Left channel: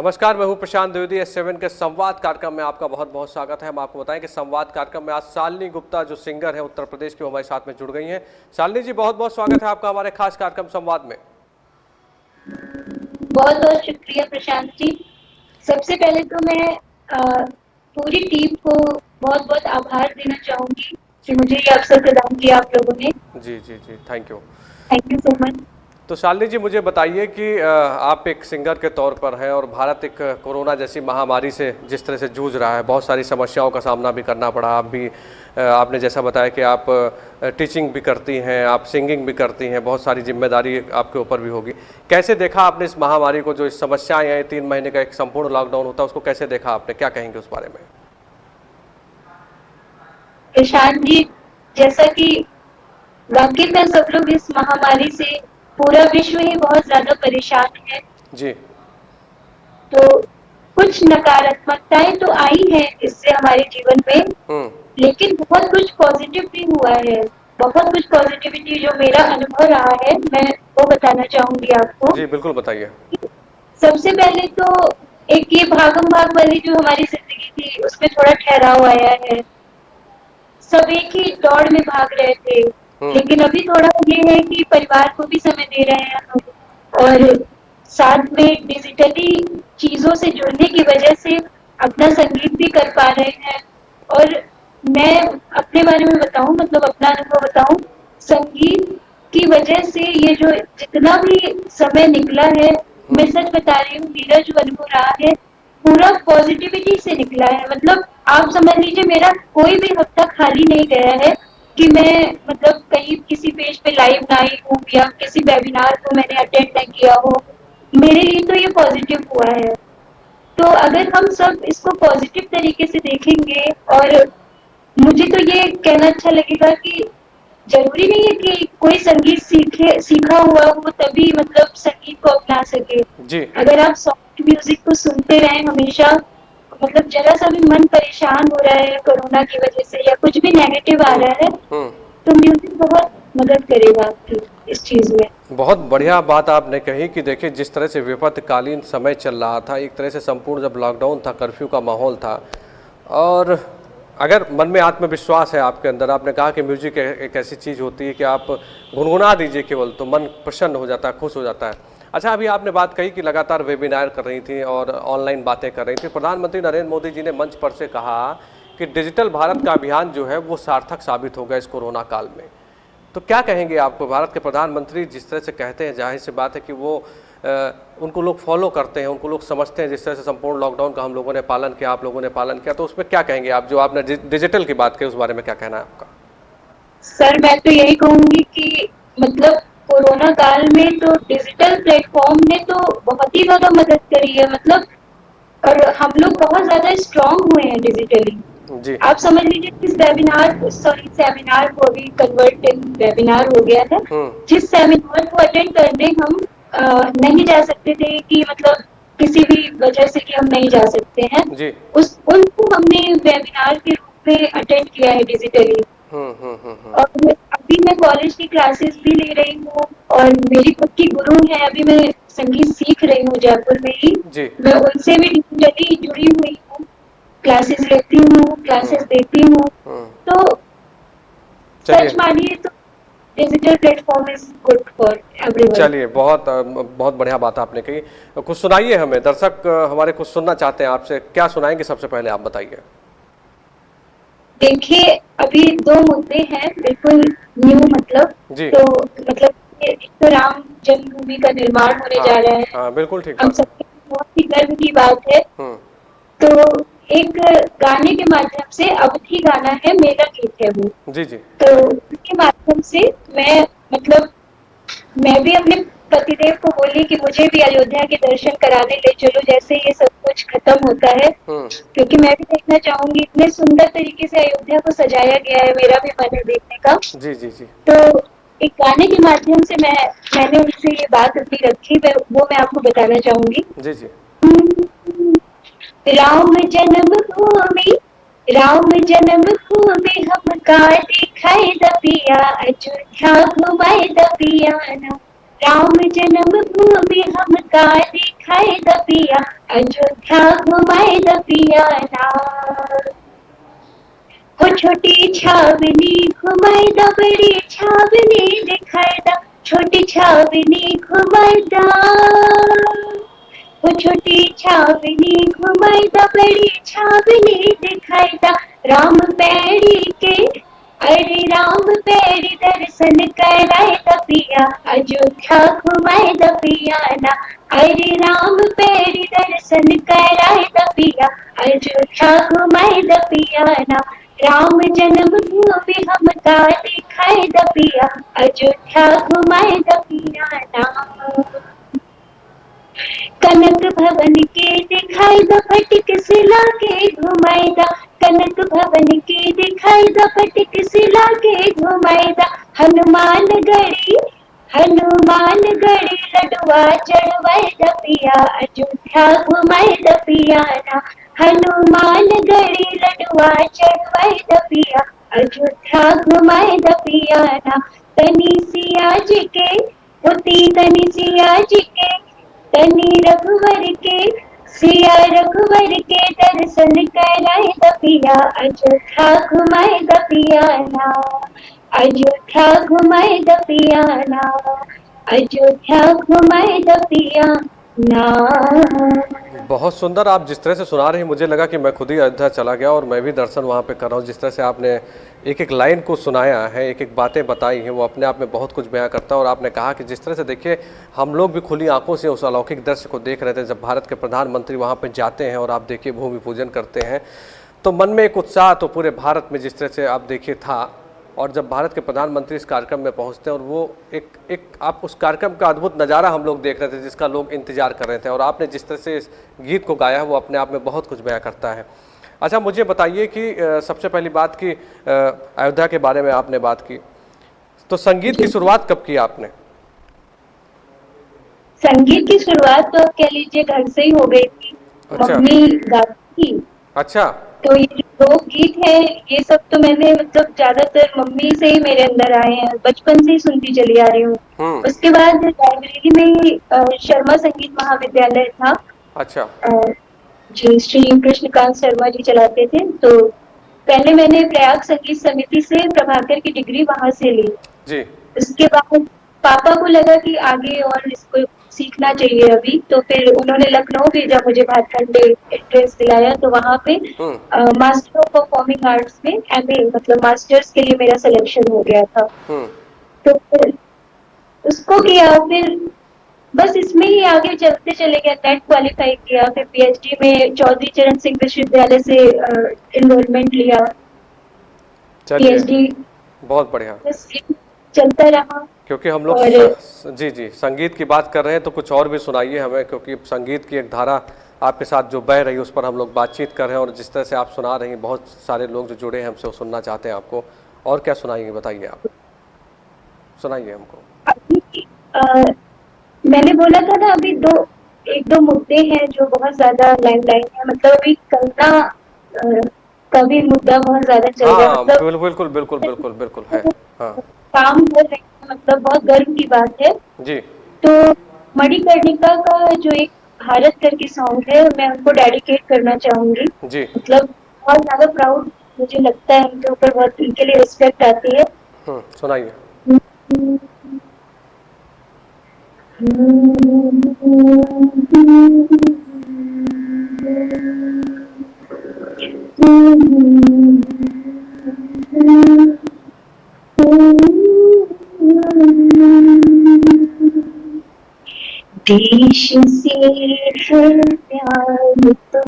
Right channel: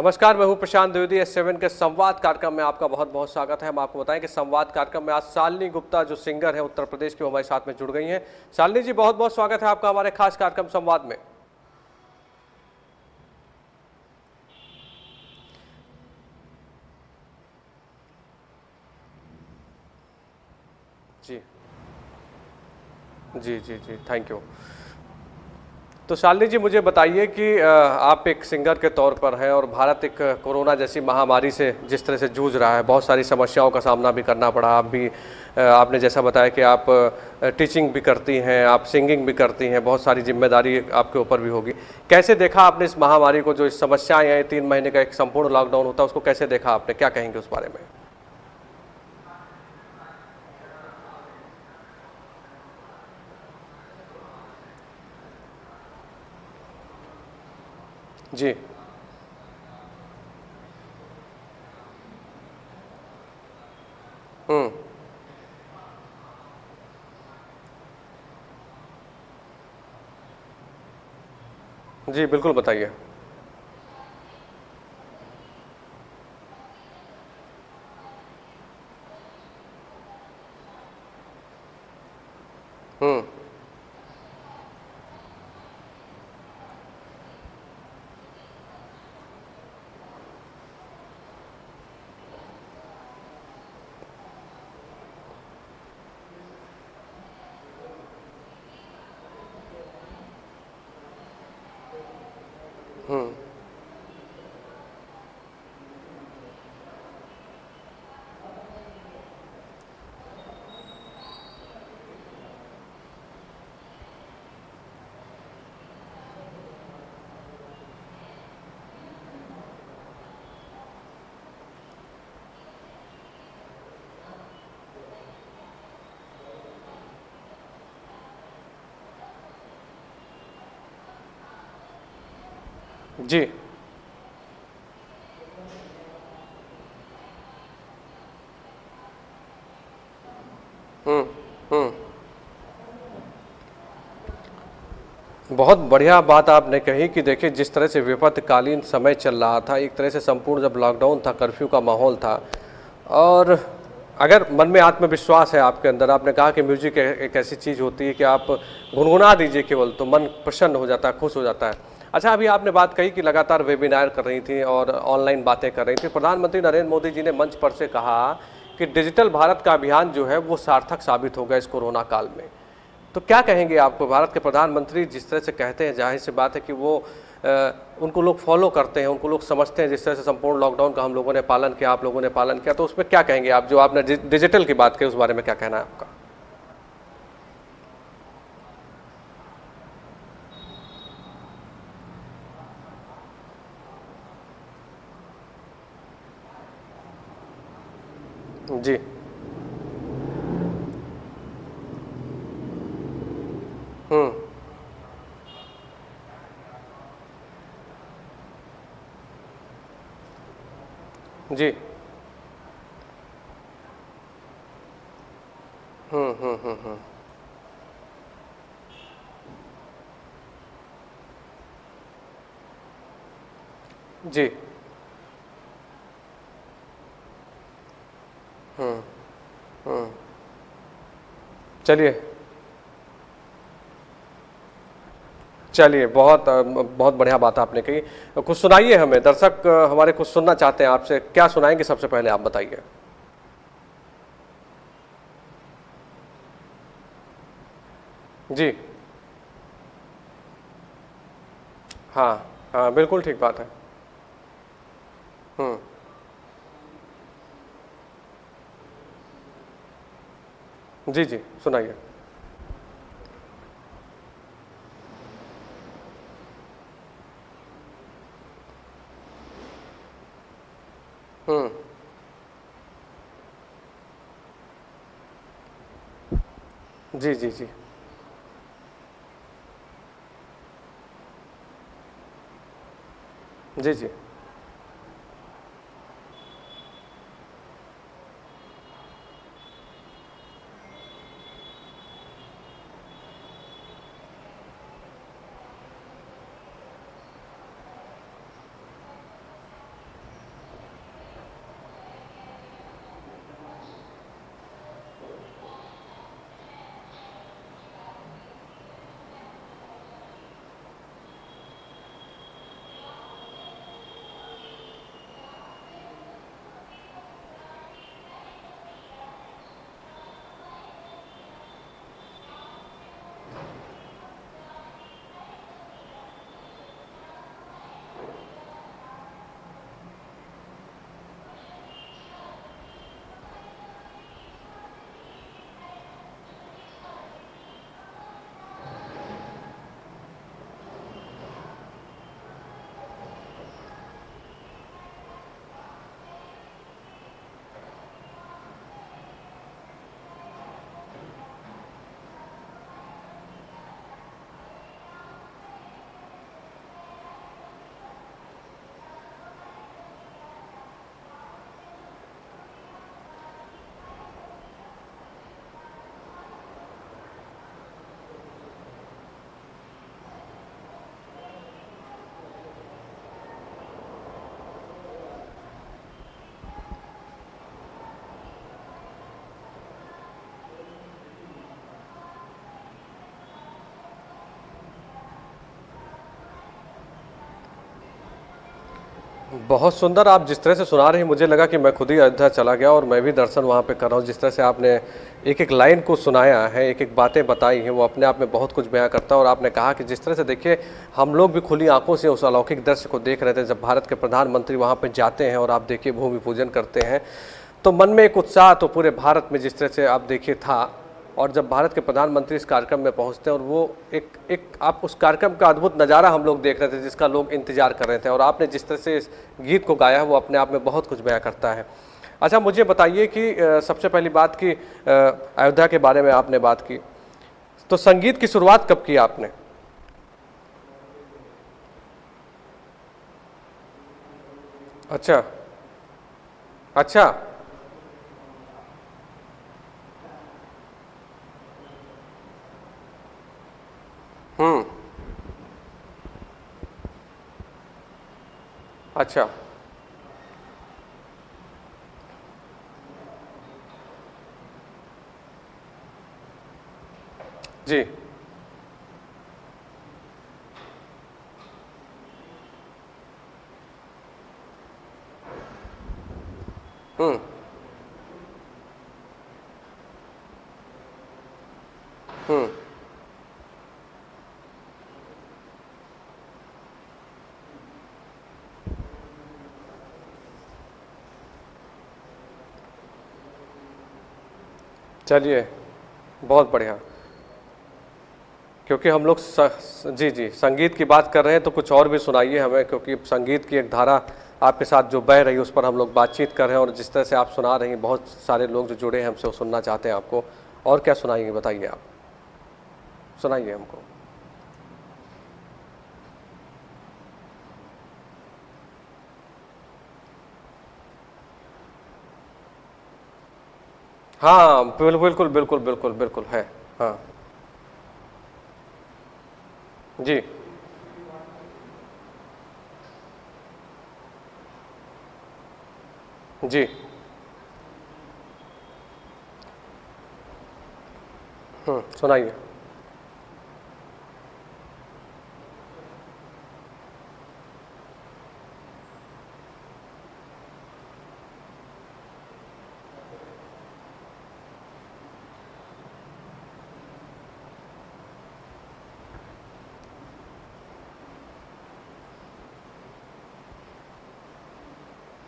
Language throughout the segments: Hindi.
नमस्कार, मैं हूं प्रशांत द्विवेदी। S7 के संवाद कार्यक्रम में आपका बहुत बहुत स्वागत है। हम आपको बताएं कि संवाद कार्यक्रम में आज शालिनी गुप्ता जो सिंगर है उत्तर प्रदेश की, वो हमारे साथ में जुड़ गई हैं। शालिनी जी, बहुत बहुत स्वागत है आपका हमारे खास कार्यक्रम संवाद में। बहुत बहुत शुक्रिया प्रशांत जी। सबसे पहले तो मैं पूरी टीम को बहुत बहुत आभार देना चाहूंगी कि मुझे ये अवसर प्रदान किया आप लोगों ने। जी जी जी, thank you. Thank you so much. तो शालिनी जी, मुझे बताइए कि आप एक सिंगर के तौर पर हैं और भारत एक कोरोना जैसी महामारी से जिस तरह से जूझ रहा है, बहुत सारी समस्याओं का सामना भी करना पड़ा। आप भी आपने जैसा बताया कि आप टीचिंग भी करती हैं, आप सिंगिंग भी करती हैं, बहुत सारी जिम्मेदारी आपके ऊपर भी होगी। कैसे देखा आपने इस महामारी को, जो इस समस्याएं हैं, 3 महीने का एक संपूर्ण लॉकडाउन होता है, उसको कैसे देखा आपने, क्या कहेंगे उस बारे में? प्रशांत जी, जैसा कि वाकई में सब लोग इस महामारी से, पूरा विश्व ही बहुत ज्यादा परेशान है। जी। तो कुछ नकारात्मकताएं तो आई है इससे हमारे जीवन में, लेकिन बहुत कुछ पॉजिटिव भी हुआ है। बहुत कुछ पॉजिटिविटी जो मेरा अनुभव रहा है, मैं वो बताना चाहूंगी आपको। जी बिल्कुल, बताइए। सबसे पहले तो एक ये भागम भाग वाली जो हमारी जिंदगी थी, उसमें थोड़ा ठहराव आया है। सब एक ही दौड़ में भाग रहे थे, लेकिन अभी थोड़ा ये है कि परिवार को भी समय दे रहे हैं हम, और साथ में डिजिटली चीजों से जुड़ने की वजह से अपना संगीत भी कर पा रहे हैं। और मैं अपने बारे में बताऊं, मतलब अपना अनुभव बताऊं, संगीत की वजह से ये जो जितना भी समय निकला है, मैं सच बता रही हूँ, मेरा जो अनुभव रहा है पूरा पॉजिटिविटी से निकला है। मतलब आप समझ लीजिए, मेरा कोई भी हफ्ता खाली नहीं गया है कि मैं मतलब कहीं किसी पेज पे लाइव ना आई हूँ या किसी वेबिनार को मैंने अटेंड नहीं किया हो। मेरे लिए तो ये पॉजिटिव हुआ है। तो अगर हम सब इसको पॉजिटिव तरीके से देखेंगे, और मुझे तो ये कहना अच्छा लगेगा कि जरूरी नहीं है कि कोई संगीत सीखा हुआ हो तभी मतलब संगीत को अपना सके। जी। अगर आप सॉफ्ट म्यूजिक को सुनते रहें हमेशा, मतलब जरा सा भी मन परेशान हो रहा है कोरोना की वजह से या कुछ भी नेगेटिव आ रहा है, तो म्यूजिक बहुत मदद करेगा आपकी इस चीज में। बहुत बढ़िया बात आपने कही कि देखिए, जिस तरह से विपत्कालीन समय चल रहा था, एक तरह से संपूर्ण जब लॉकडाउन था, कर्फ्यू का माहौल था, और अगर मन में आत्मविश्वास है आपके अंदर, आपने कहा कि म्यूजिक एक ऐसी चीज़ होती है कि आप गुनगुना दीजिए केवल तो मन प्रसन्न हो जाता है, खुश हो जाता है। अच्छा, अभी आपने बात कही कि लगातार वेबिनार कर रही थी और ऑनलाइन बातें कर रही थी। प्रधानमंत्री नरेंद्र मोदी जी ने मंच पर से कहा कि डिजिटल भारत का अभियान जो है वो सार्थक साबित होगा इस कोरोना काल में। तो क्या कहेंगे आप? भारत के प्रधानमंत्री जिस तरह से कहते हैं, जाहिर सी बात है कि वो उनको लोग फॉलो करते हैं, उनको लोग समझते हैं। जिस तरह से संपूर्ण लॉकडाउन का हम लोगों ने पालन किया, आप लोगों ने पालन किया, तो उसमें क्या कहेंगे आप? जो आपने डिजिटल की बात की, उस बारे में क्या कहना है आपका? सर, मैं तो यही कहूंगी कि मतलब कोरोना काल में तो डिजिटल प्लेटफॉर्म ने तो बहुत ही ज्यादा मदद करी है। मतलब और हम लोग बहुत ज्यादा स्ट्रांग हुए हैं डिजिटली। जी। आप समझ लीजिए, इस सेमिनार को अभी कन्वर्ट वेबिनार हो गया है। जिस सेमिनार को अटेंड करने हम नहीं जा सकते थे, कि मतलब किसी भी वजह से कि हम नहीं जा सकते हैं, जी। उनको हमने वेबिनार के रूप में अटेंड किया है डिजिटली। और अभी मैं कॉलेज की क्लासेस भी ले रही हूँ, और मेरी खुद की गुरु है, अभी मैं संगीत सीख रही हूँ जयपुर में ही। जी। मैं उनसे भी डिजिटली जुड़ी हुई हूँ, क्लासेस लेती हूँ, क्लासेस देती हूँ। तो चलिए। सच मानिए तो digital platform is good for everyone. चलिए, बहुत बहुत बढ़िया बात आपने कही। कुछ सुनाइए हमें, दर्शक हमारे कुछ सुनना चाहते हैं आपसे। क्या सुनाएंगे सबसे पहले, आप बताइए। देखिए, अभी 2 मुद्दे हैं बिल्कुल न्यू, मतलब जी। तो मतलब एक तो राम जन्मभूमि का निर्माण होने हाँ जा रहा है। हाँ, बिल्कुल ठीक हम बात है। सबके लिए बहुत ही गर्व की बात है। तो एक गाने के माध्यम से, अवधि गाना है, मेरा गीत है वो। जी जी, तो सुनाइए। उसके माध्यम से मैं मतलब मैं भी अपने पतिदेव को बोली कि मुझे भी अयोध्या के दर्शन कराने ले चलो, जैसे ये सब कुछ खत्म होता है, क्योंकि मैं भी देखना चाहूंगी। इतने सुंदर तरीके से अयोध्या को सजाया गया है, मेरा भी मन है देखने का। जी जी जी। तो एक गाने के माध्यम से मैंने उनसे ये बात अपनी रखी, वो मैं आपको बताना चाहूंगी। जी जी। राम जन्मभूमि, राम जन्मभूमि हमका दिखाए दबिया, अयोध्या घुमाए दबिया ना। राम जन्म भूमि हमका दिखाए द पिया, अयोध्या घुमाए द पिया ना। वो छोटी छावनी घुमाए द, बड़ी छावनी दिखाए द, छोटी छावनी घुमाए द। वो छोटी छावनी घुमाए द, बड़ी छावनी दिखाए द। राम पैड़ी के, अरे राम पैड़ी दर्शन कराए द पिया, अयोध्या घुमाए द पिया ना। अरे राम पैड़ी दर्शन कराए द पिया, अयोध्या घुमाए द पिया ना। राम जन्म भूमि हमका दिखाए द पिया, अयोध्या घुमाए द पिया ना। कनक भवन के दिखाई द, फटिक शिला के घुमाए द। कनक भवन के दिखाई द, फटिक शिला के घुमाए द। हनुमान गढ़ी, हनुमान गढ़ी लडुआ चढ़वाए द पिया, अयोध्या घुमाए द पिया ना। हनुमान गढ़ी लडुआ चढ़वाए द पिया, अयोध्या घुमाए द पिया ना। तनी सिया जी के, होती तनी सिया जी के, तनी रघुवर के, सिया रघुवर के दर्शन कराए द पिया, अयोध्या घुमाए द पिया ना। अयोध्या घुमाए द पिया ना, अयोध्या घुमाए द पिया ना। बहुत सुंदर आप जिस तरह से सुना रही, मुझे लगा कि मैं खुद ही अयोध्या चला गया और मैं भी दर्शन वहाँ पे कर रहा हूँ। जिस तरह से आपने एक एक लाइन को सुनाया है, एक एक बातें बताई हैं, वो अपने आप में बहुत कुछ बयां करता है। और आपने कहा कि जिस तरह से देखिए, हम लोग भी खुली आंखों से उस अलौकिक दृश्य को देख रहे थे जब भारत के प्रधानमंत्री वहाँ पर जाते हैं और आप देखिए भूमि पूजन करते हैं, तो मन में एक उत्साह तो पूरे भारत में जिस तरह से आप देखिए था। और जब भारत के प्रधानमंत्री इस कार्यक्रम में पहुंचते हैं और वो एक आप उस कार्यक्रम का अद्भुत नज़ारा हम लोग देख रहे थे जिसका लोग इंतजार कर रहे थे, और आपने जिस तरह से इस गीत को गाया है वो अपने आप में बहुत कुछ बयां करता है। अच्छा, मुझे बताइए कि सबसे पहली बात कि अयोध्या के बारे में आपने बात की, तो संगीत की शुरुआत कब की आपने? संगीत की शुरुआत तो कह लीजिए घर से ही हो गई थी। अच्छा। मम्मी गाती थी। अच्छा। तो ये जो लोकगीत है, ये सब तो मैंने मतलब ज्यादातर मम्मी से ही मेरे अंदर आए हैं, बचपन से ही सुनती चली आ रही हूँ। उसके बाद लाइब्रेरी में शर्मा संगीत महाविद्यालय था। अच्छा। जी, श्री कृष्णकांत शर्मा जी चलाते थे। तो पहले मैंने प्रयाग संगीत समिति से प्रभाकर की डिग्री वहां से ली जी। उसके बाद पापा को लगा कि आगे और इसको सीखना चाहिए अभी, तो फिर उन्होंने लखनऊ भेजा मुझे, भाटखंड एंट्रेंस दिलाया, तो वहाँ पे मास्टर ऑफ परफॉर्मिंग आर्ट्स में एमए मतलब मास्टर्स के लिए मेरा सिलेक्शन हो गया था। तो फिर उसको किया, फिर बस इसमें ही आगे चलते चले गया। नेट क्वालिफाई किया, फिर पीएचडी में चौधरी चरण सिंह विश्वविद्यालय से इनरोलमेंट लिया। चलिए, पीएचडी बहुत बढ़िया। बस चलता रहा। क्योंकि हम लोग जी जी संगीत की बात कर रहे हैं, तो कुछ और भी सुनाइए हमें, क्योंकि संगीत की एक धारा आपके साथ जो बह रही है उस पर हम लोग बातचीत कर रहे हैं, और जिस तरह से आप सुना रही हैं बहुत सारे लोग जो जुड़े हैं हमसे वो सुनना चाहते हैं आपको। और क्या सुनाएंगे, बताइए, आप सुनाइए हमको। मैंने बोला था ना अभी एक दो मुद्दे हैं जो बहुत ज्यादा लाइन है, मतलब अभी कंगना का भी मुद्दा बहुत ज्यादा चल रहा है। मतलब बिल्कुल बिल्कुल बिल्कुल बिल्कुल है। हाँ, काम कर रहे हैं, मतलब बहुत गर्व की बात है जी। तो मणिकर्णिका का जो एक भारत करके सॉन्ग है, मैं उनको डेडिकेट करना चाहूंगी जी। मतलब बहुत ज्यादा प्राउड मुझे लगता है उनके ऊपर, बहुत उनके लिए रिस्पेक्ट आती है। सुनाइए। देश से है प्यार तो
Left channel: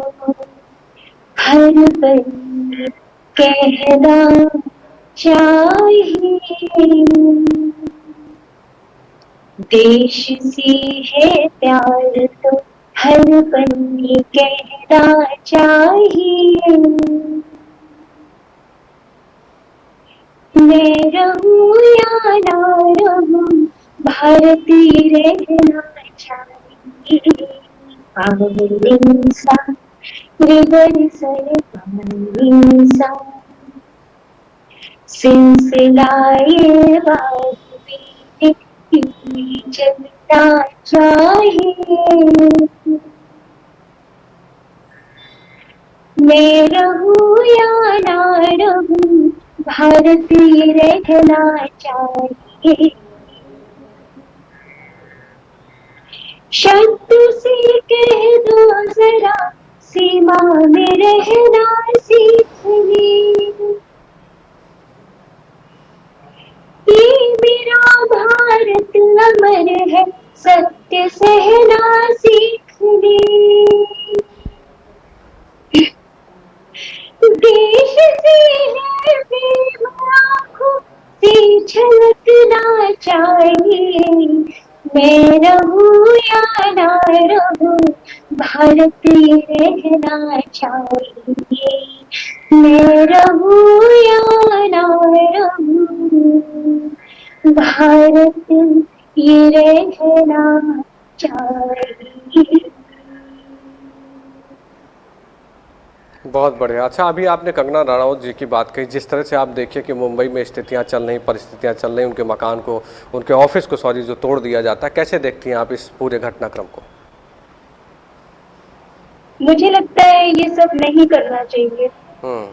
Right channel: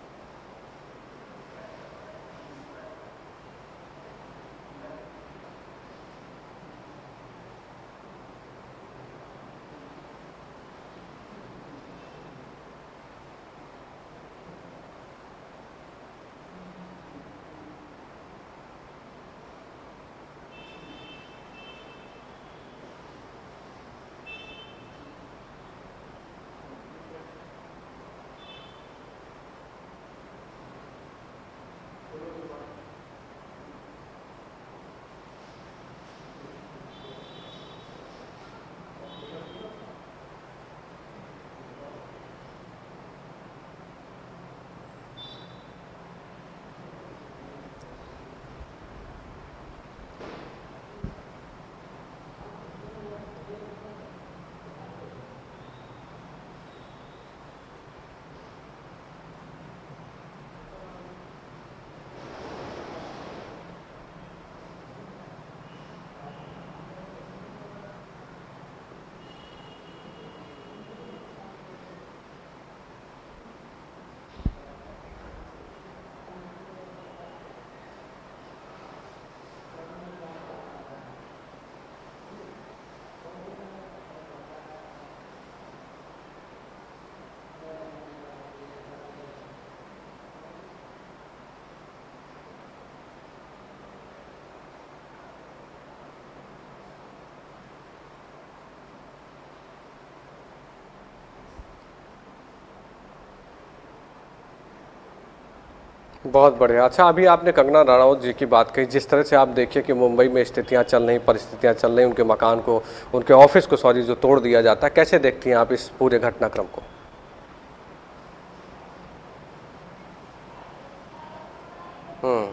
हर पल कहना चाहिए, देश से है प्यार तो हर पल कहना चाहिए। मैं रहूं या ना रहूं, भारतीय रहना चाहिए। पावन इंसान रिवर सर पावन इंसान, सिलसिलाए बात में चली रहना चाहिए, मैं रहूं या ना रहूं, भारत ये रहना चाहिए। शब्द से कह दो जरा, सीमा में रहना सीख ले, ये मेरा भारत अमर है, सत्य सहना सीख ले। देश से है प्रेम आँखों से झलकना चाहिए, मैं रहूं या ना रहूं, भारत ये रहना चाहिए, मैं रहूं या ना रहूं, भारत ये रहना चाहिए। बहुत बढ़िया। अच्छा, अभी आपने कंगना रनौत जी की बात कही, जिस तरह से आप देखिए कि मुंबई में स्थितियां चल रही, परिस्थितियां चल रही, उनके मकान को, उनके ऑफिस को सॉरी जो तोड़ दिया जाता है, कैसे देखती हैं आप इस पूरे घटनाक्रम को? मुझे लगता है ये सब नहीं करना चाहिए। हम्म।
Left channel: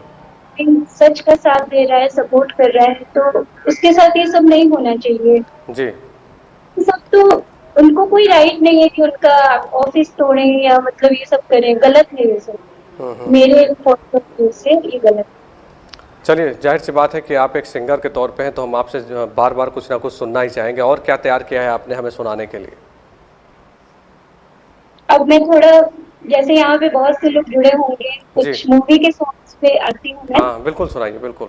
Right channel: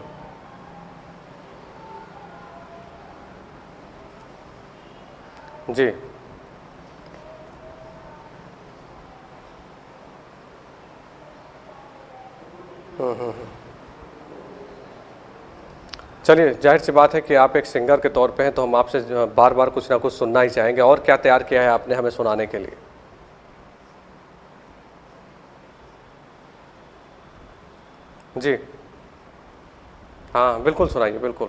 इन सच का साथ दे रहा है, सपोर्ट कर रहा है, तो उसके साथ ये सब नहीं होना चाहिए। जी। ये सब तो उनको कोई राइट नहीं है कि उनका ऑफिस तोड़े या मतलब ये सब करें, गलत है ये सब। मेरे पॉइंट ऑफ व्यू से ये गलत है। चलिए, जाहिर सी बात है कि आप एक सिंगर के तौर पे हैं, तो हम आपसे बार बार कुछ ना कुछ सुनना ही चाहेंगे। और क्या तैयार किया है आपने हमें सुनाने के लिए? अब मैं थोड़ा, जैसे यहाँ पे बहुत से लोग जुड़े होंगे, जी। कुछ मूवी के सॉन्ग्स पे आती हूँ मैं। हाँ बिल्कुल, सुनाइए बिल्कुल।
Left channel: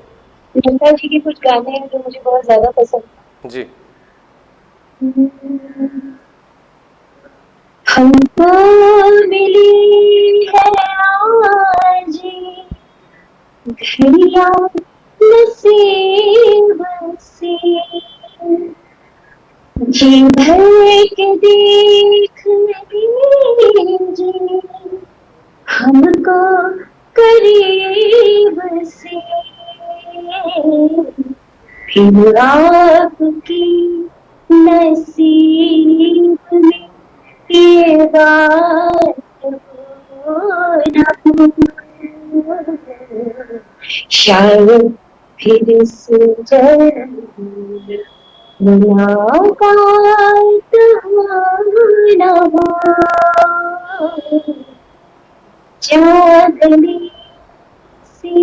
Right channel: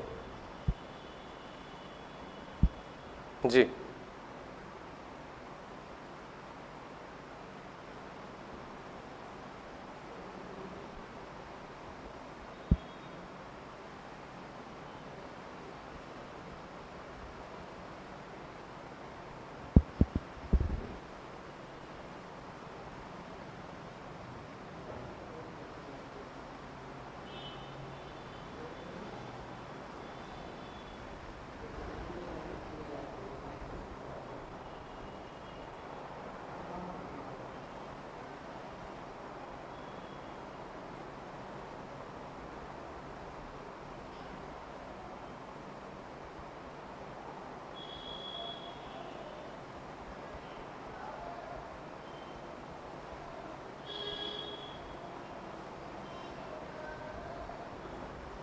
नंदा जी के कुछ गाने हैं जो मुझे बहुत ज्यादा पसंद जी। है। हमको मिली है आज घड़िया नसीब से, जी भर के देख लीजिए हमको करीब से, फिर आपकी नसीब में ये बात हो ना हो, शायद फिर से जरूर मुलाकात हो ना हो, चांदनी सी।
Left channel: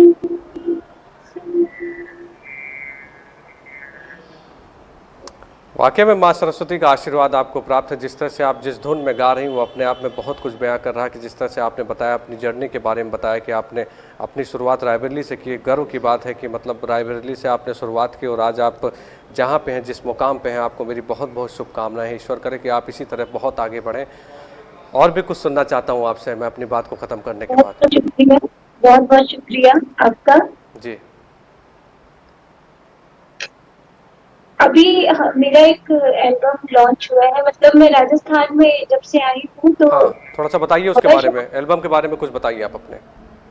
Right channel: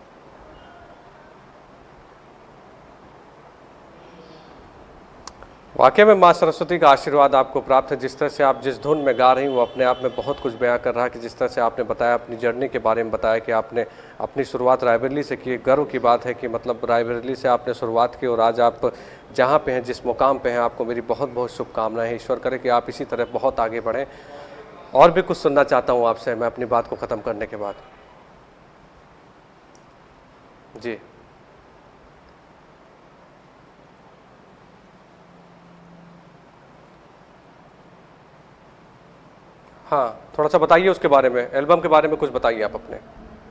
वाकई में माँ सरस्वती का आशीर्वाद आपको प्राप्त है। जिस तरह से आप जिस धुन में गा रही वो अपने आप में बहुत कुछ बयां कर रहा है, कि जिस तरह से आपने बताया अपनी जर्नी के बारे में, बताया कि आपने अपनी शुरुआत रायबरेली से की। गर्व की बात है कि मतलब रायबरेली से आपने शुरुआत की और आज आप जहाँ पे हैं, जिस मुकाम पे हैं, आपको मेरी बहुत बहुत शुभकामनाएं। ईश्वर करे कि आप इसी तरह बहुत आगे बढ़ें। और भी कुछ सुनना चाहता हूँ आपसे मैं अपनी बात को ख़त्म करने के बहुत बाद। बहुत शुक्रिया, बहुत बहुत शुक्रिया आपका। जी। अभी मेरा एक एल्बम लॉन्च हुआ है, मतलब मैं राजस्थान में जब से आई हूँ तो हाँ, थोड़ा सा बताइए उसके पता बारे में, चला एल्बम के बारे में कुछ बताइए आप अपने।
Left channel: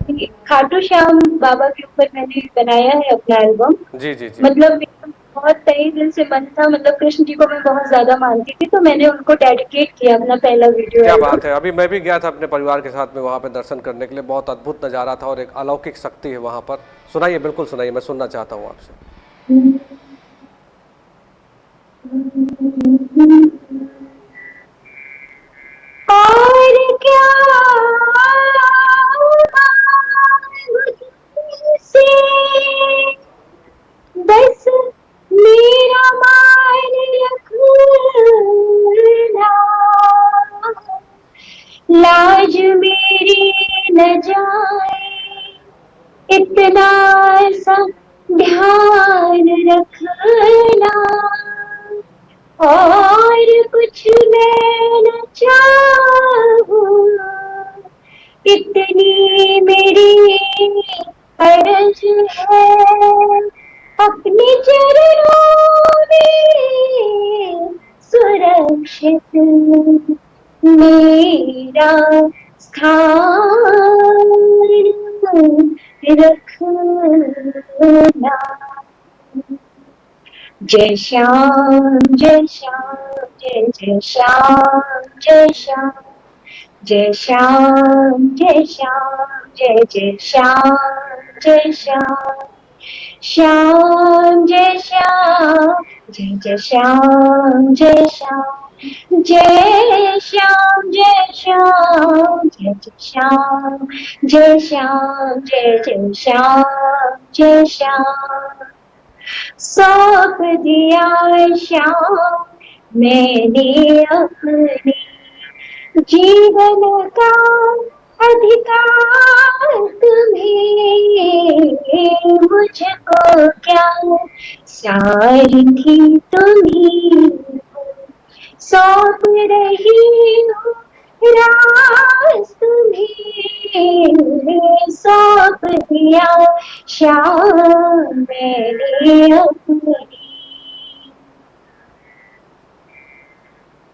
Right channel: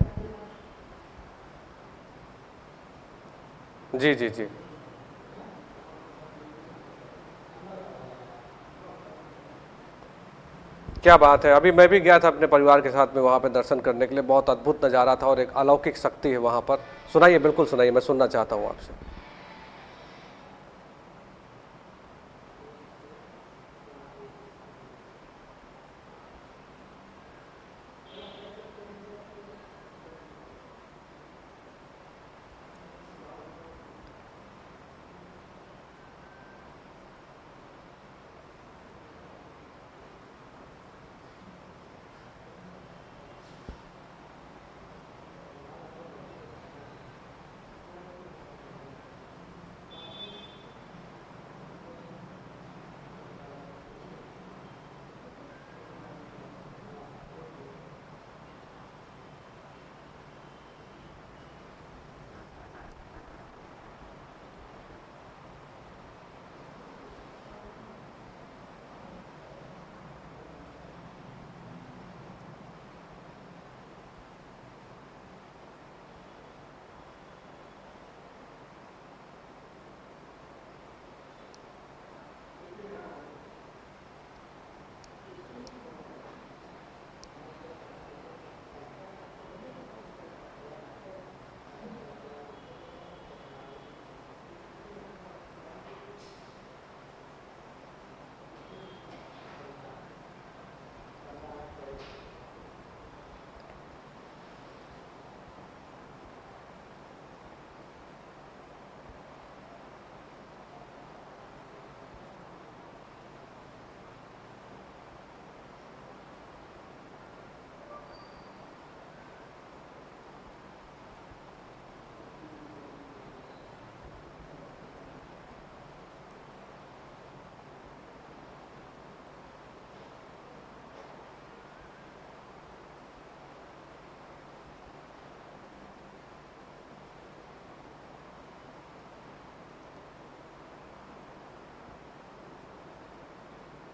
कि खाटू श्याम बाबा के ऊपर मैंने बनाया है अपना एल्बम। जी जी जी। मतलब मेरा बहुत तहे दिल से मन था, मतलब कृष्ण जी को मैं बहुत ज्यादा मानती थी, तो मैंने उनको डेडिकेट किया अपना पहला वीडियो क्या एल्बम। बात है! अभी मैं भी गया था अपने परिवार के साथ में वहाँ पे दर्शन करने के लिए। बहुत अद्भुत नज़ारा था और एक अलौकिक शक्ति है वहाँ पर। सुनाइए, बिल्कुल सुनाइए, मैं सुनना चाहता हूँ आपसे। और क्या मांगू तुमसे, बस मेरा मान रखना, लाज मेरी न जाए इतना सा ध्यान रखना, और कुछ मैं न चाहूं, इतनी मेरी अर्ज है, अपने चरणों में सुरक्षित मेरा स्थान रखना, जय श्याम जय श्याम जय जय श्याम जय श्याम जय श्याम जय श्याम जय जय श्याम जय श्याम श्याम जय श्याम जय जय श्याम जय श्याम जय श्याम जय श्याम जय जय श्याम जय श्याम जय जय श्याम जय श्याम सौंप दिया श्याम मैंने अपने जीवन का अधिकार तुम्हें मुझको क्या सारथी तुम्ही सौंप रही हूँ रास तुम्हें सौंप दिया श्याम मैंने अपनी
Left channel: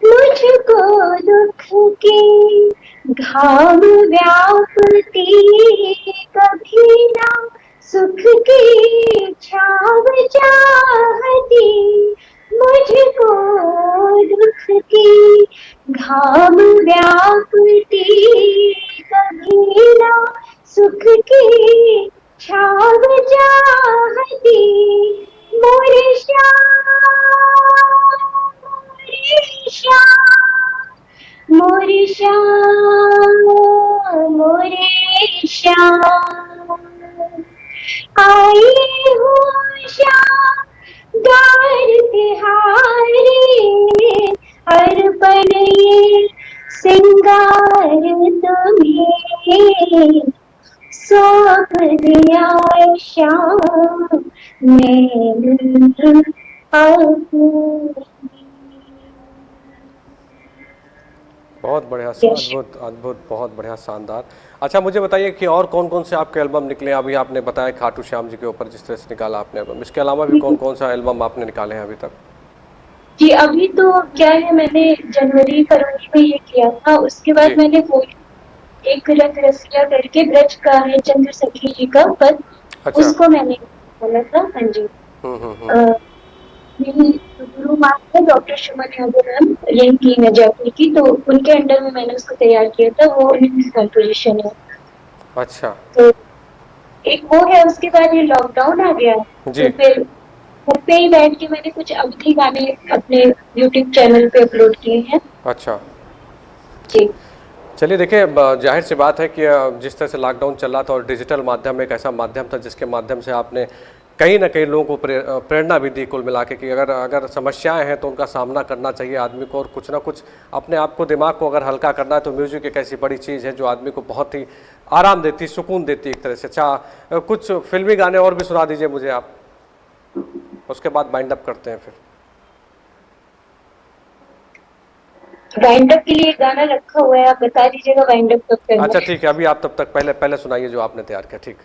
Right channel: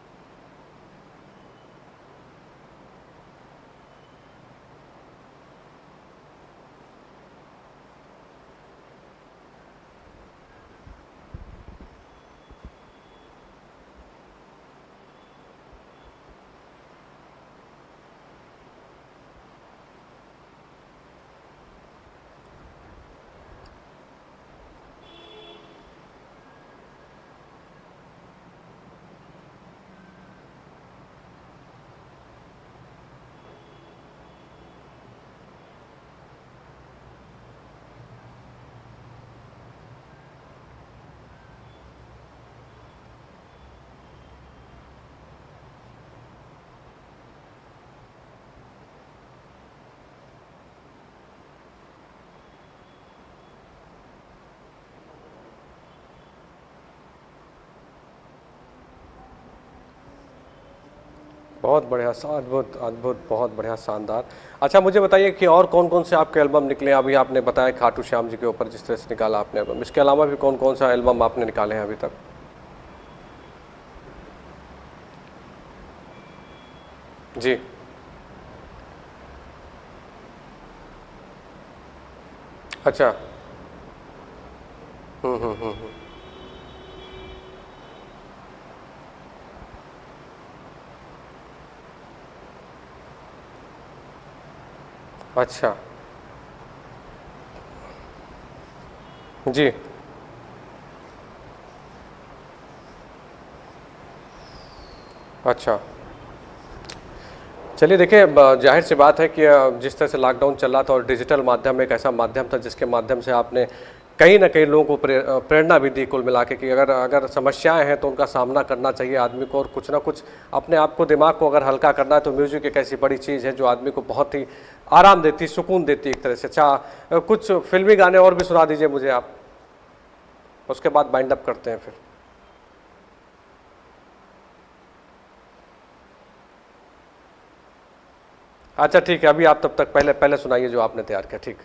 मुझको दुख के घाव व्यापती कभी ना सुख की छाव चाहती मुझको दुख की घाव व्यापती कभी ना सुख की छाव चाहती मोरे श्याम मोरे श्याम मोरे श्याम आई हूँ श्याम गार तिहारी अर्पण ये सिंगार तुम्हें सौंप दिया श्याम मैंने अपनी। बहुत बढ़िया, अद्भुत अद्भुत, बहुत बढ़िया, शानदार। अच्छा मुझे बताइए कि और कौन कौन से आपके एल्बम निकले हैं? अभी आपने बताया खाटू श्याम जी के ऊपर जिस तरह से निकाला आपने एल्बम, इसके अलावा भी कौन कौन सा एल्बम आपने निकाले हैं अभी तक? जी अभी तो क्या है, मैंने जनवरी फरवरी में ये किया था, उसके बाद जी। मैंने वो एक रथ रसिया करके ब्रज का है चंद्र सखी जी का पद, अच्छा। उसको मैंने बोला था। हाँ जी। मेरी गुरु माँ है डॉक्टर सुमन यादव मैम, यही की है जयपुर की, तो उनके अंडर में मैंने उसको तैयार किया था, वो उनकी कंपोजिशन है। अच्छा। तो एक वो है, उसके बाद ये लॉकडाउन आ गया जी। तो फिर घर पे ही बैठ के मैंने कुछ अवधि गाने अपने यूट्यूब चैनल पे अपलोड किए हैं। अच्छा जी चलिए देखिए, जाहिर सी बात है कि जिस तरह से लॉकडाउन चल रहा था और डिजिटल माध्यम एक ऐसा माध्यम था जिसके माध्यम से आपने कहीं ना कहीं लोगों को प्रेरणा भी दी कुल मिला के कि अगर अगर समस्याएं हैं तो उनका सामना करना चाहिए आदमी को, और कुछ ना कुछ अपने आप को, दिमाग को अगर हल्का करना है तो म्यूजिक एक ऐसी बड़ी चीज़ है जो आदमी को बहुत ही आराम देती, सुकून देती एक तरह से। अच्छा कुछ फिल्मी गाने और भी सुना दीजिए मुझे आप, उसके बाद बाइंड अप करते हैं फिर। वाइंड अप के लिए गाना रखा हुआ है, आप बता दीजिएगा वाइंड अप कब करना है। अच्छा ठीक है, अभी आप तब तक पहले सुनाइए जो आपने तैयार किया। ठीक।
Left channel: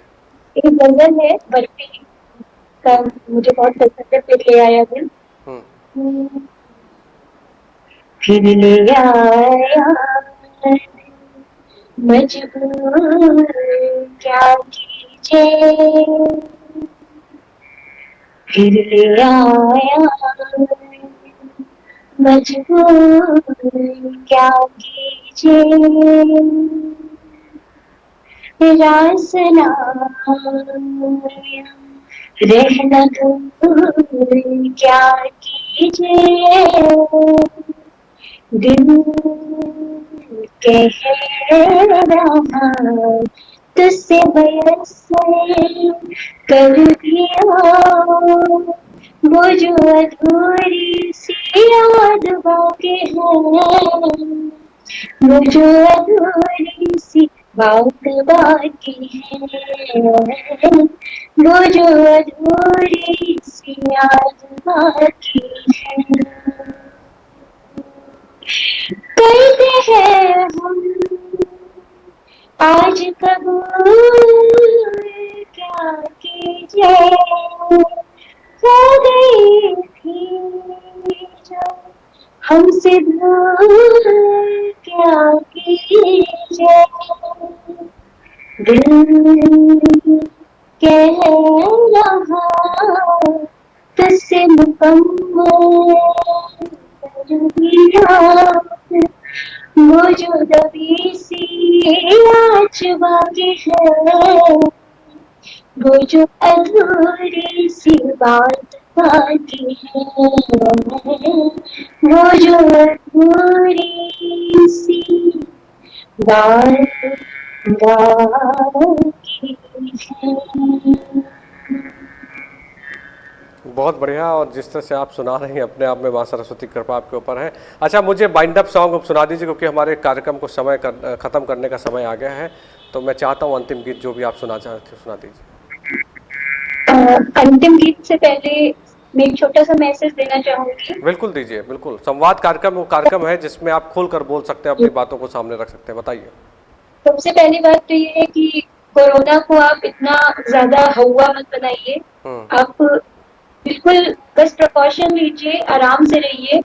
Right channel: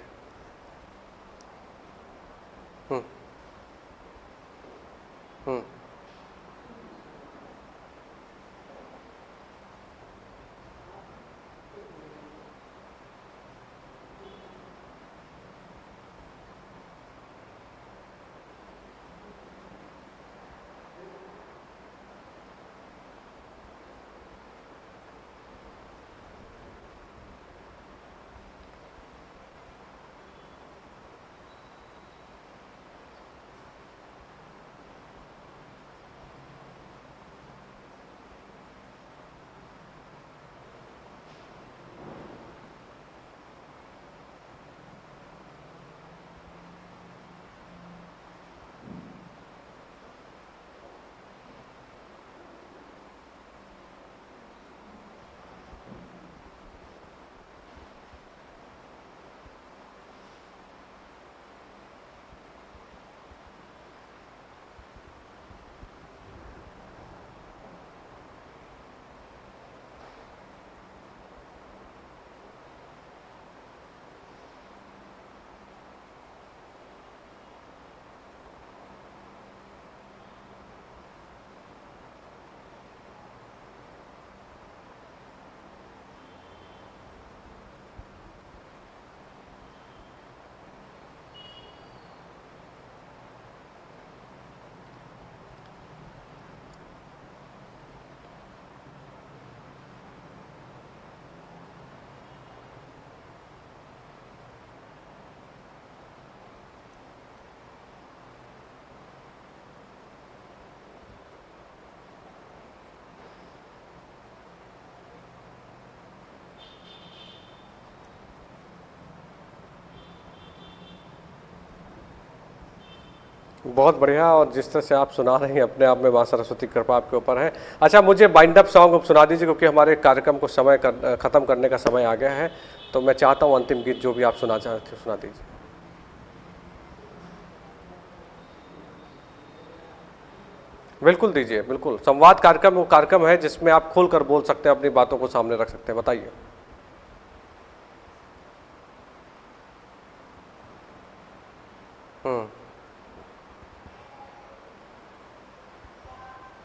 एक गजल है बर्फी का, मुझे बहुत पसंद है, फिर ले आया दिल। फिर ले आया मजबूर क्या कीजिए, फिर ले आया मजबूर क्या कीजिए, रासना रहना दूर क्या कीजिए, दिल कह रहा तुझसे बयसे कर दिया, वो जो अधूरी सी याद बाकी है, वो जो अधूरी सी बात बाकी है, वो जो अधूरी सी याद बाकी है, कहते हैं हम आज कबूल क्या कीजिए, खो गई थी जो हमसे भूल क्या कीजिए, दिल कह रहा से मुकम्मल करूंगी याद, वो जो दबी सी आज बाकी है, वो जो अधूरी सी बात बाकी है, वो जो अधूरी सी बात बाकी है। बहुत बढ़िया। और जिस तरह से आप सुना रही हैं अपने आप में माँ सरस्वती की कृपा आपके ऊपर है। अच्छा, मुझे बाइंड अप सॉन्ग अब सुना दीजिए, क्योंकि हमारे कार्यक्रम को ख़त्म करने का समय आ गया है। तो मैं चाहता हूँ अंतिम गीत जो भी आप सुना चाहते सुना दीजिए। अंतिम गीत से पहले मैं एक छोटा सा मैसेज देना चाहूंगी। बिल्कुल दीजिए, बिल्कुल। संवाद कार्यक्रम वो कार्यक्रम है जिसमें आप खुल कर बोल सकते हैं, अपनी बातों को सामने रख सकते हैं। बताइए। सबसे पहली बात तो ये है कि कोरोना को आप इतना ज्यादा हवा मत बनाइए। आप बिल्कुल बस प्रिकॉशन लीजिए, आराम से रहिए।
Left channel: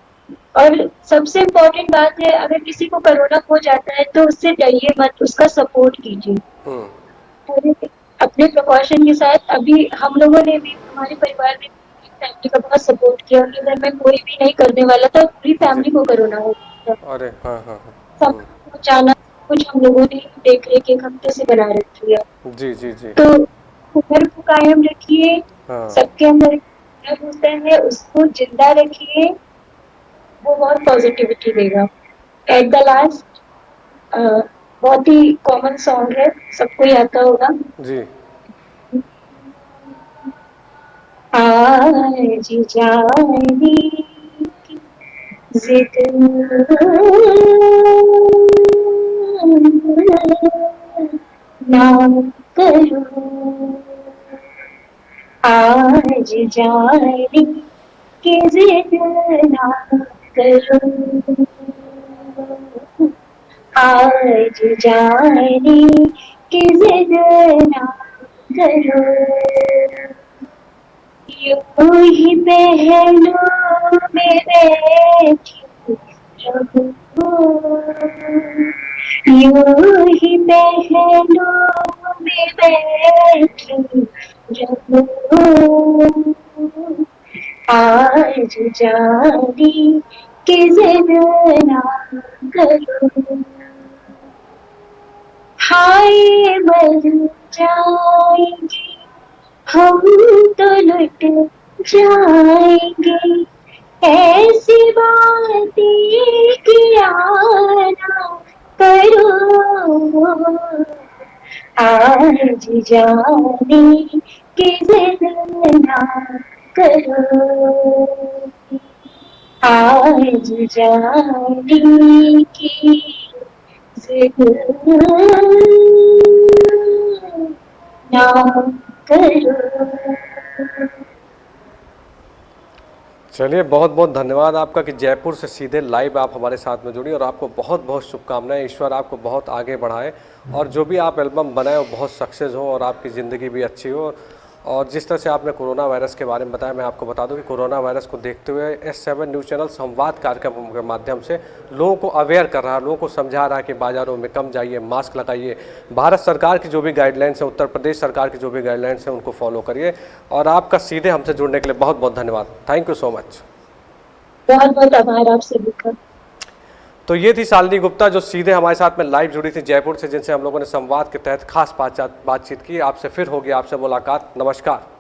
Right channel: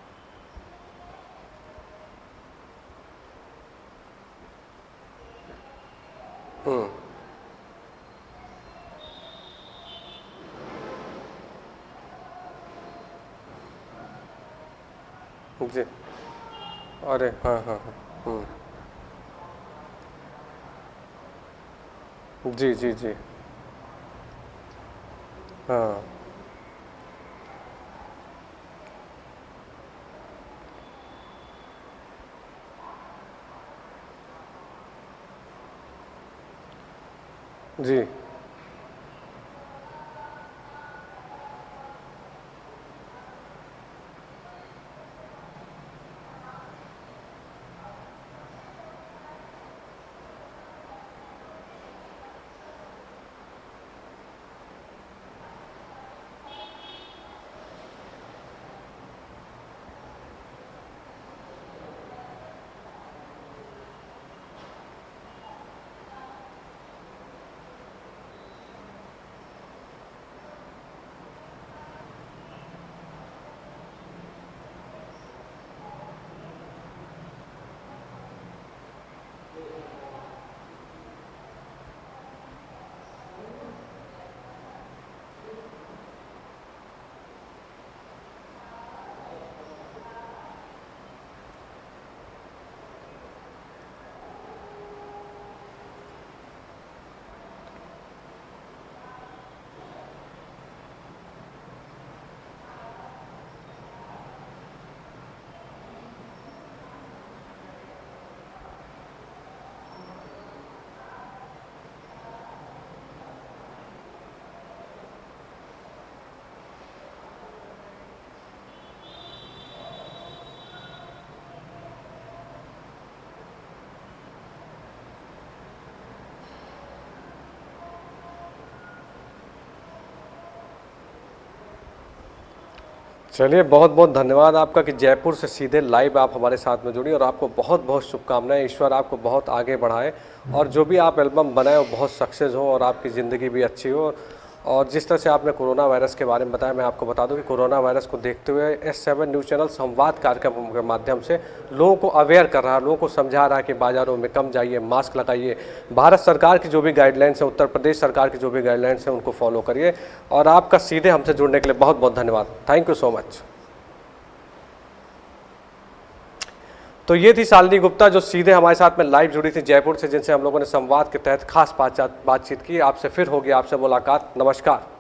और सबसे इम्पोर्टेंट बात है, अगर किसी को कोरोना हो जाता है तो उससे डरिए मत, उसका सपोर्ट कीजिए अपने प्रिकॉशन के साथ। अभी हम लोगों ने भी, हमारे परिवार ने फैमिली का बहुत सपोर्ट किया। उनके घर में कोई भी नहीं करने वाला था, पूरी फैमिली को कोरोना हो गया था। अरे हाँ हाँ हाँ। सब अचानक कुछ हम लोगों ने देख रेख एक हफ्ते से बना रखी है। जी जी जी। तो हुनर को कायम रखिए। सबके अंदर हुनर होता है, उसको जिंदा रखिए, वो बहुत पॉजिटिविटी देगा। एट द लास्ट बहुत ही कॉमन सॉन्ग है, सबको ही आता होगा जी। आज जाने की जिद ना करो, आज जाने की जिद ना करो, आज जाने की जिद ना करो, यूं ही पहलू में बैठी रहूं, यूं ही पहलू में बैठी रहूं, आज जाने की जिद ना करो, हाय मर जाएंगे हम तो लुट जाएंगे, ऐसी बातें किया ना करो, आज जाने की जिद ना करो, आज जाने की जिद ना करो। चलिए, बहुत बहुत धन्यवाद आपका कि जयपुर से सीधे लाइव आप हमारे साथ में जुड़ी। और आपको बहुत बहुत शुभकामनाएं, ईश्वर आपको बहुत आगे बढ़ाए और जो भी आप एल्बम बनाए वो बहुत सक्सेस हो और आपकी ज़िंदगी भी अच्छी हो। और जिस तरह से आपने कोरोना वायरस के बारे में बताया, मैं आपको बता दूं कि कोरोना वायरस को देखते हुए S7 न्यूज़ चैनल संवाद कार्यक्रम के माध्यम से लोगों को अवेयर कर रहा है, लोगों को समझा रहा है कि बाज़ारों में कम जाइए, मास्क लगाइए, भारत सरकार की जो भी गाइडलाइंस है, उत्तर प्रदेश सरकार की जो भी गाइडलाइंस है उनको फॉलो करिए। और आपका सीधे हमसे जुड़ने के लिए बहुत बहुत धन्यवाद। Thank you so much. बहुत बहुत आभार आपसे मिलकर। तो ये थी शालिनी गुप्ता जो सीधे हमारे साथ में लाइव जुड़ी थी जयपुर से, जिनसे हम लोगों ने संवाद के तहत खास बातचीत की। आपसे फिर होगी आपसे मुलाकात। नमस्कार।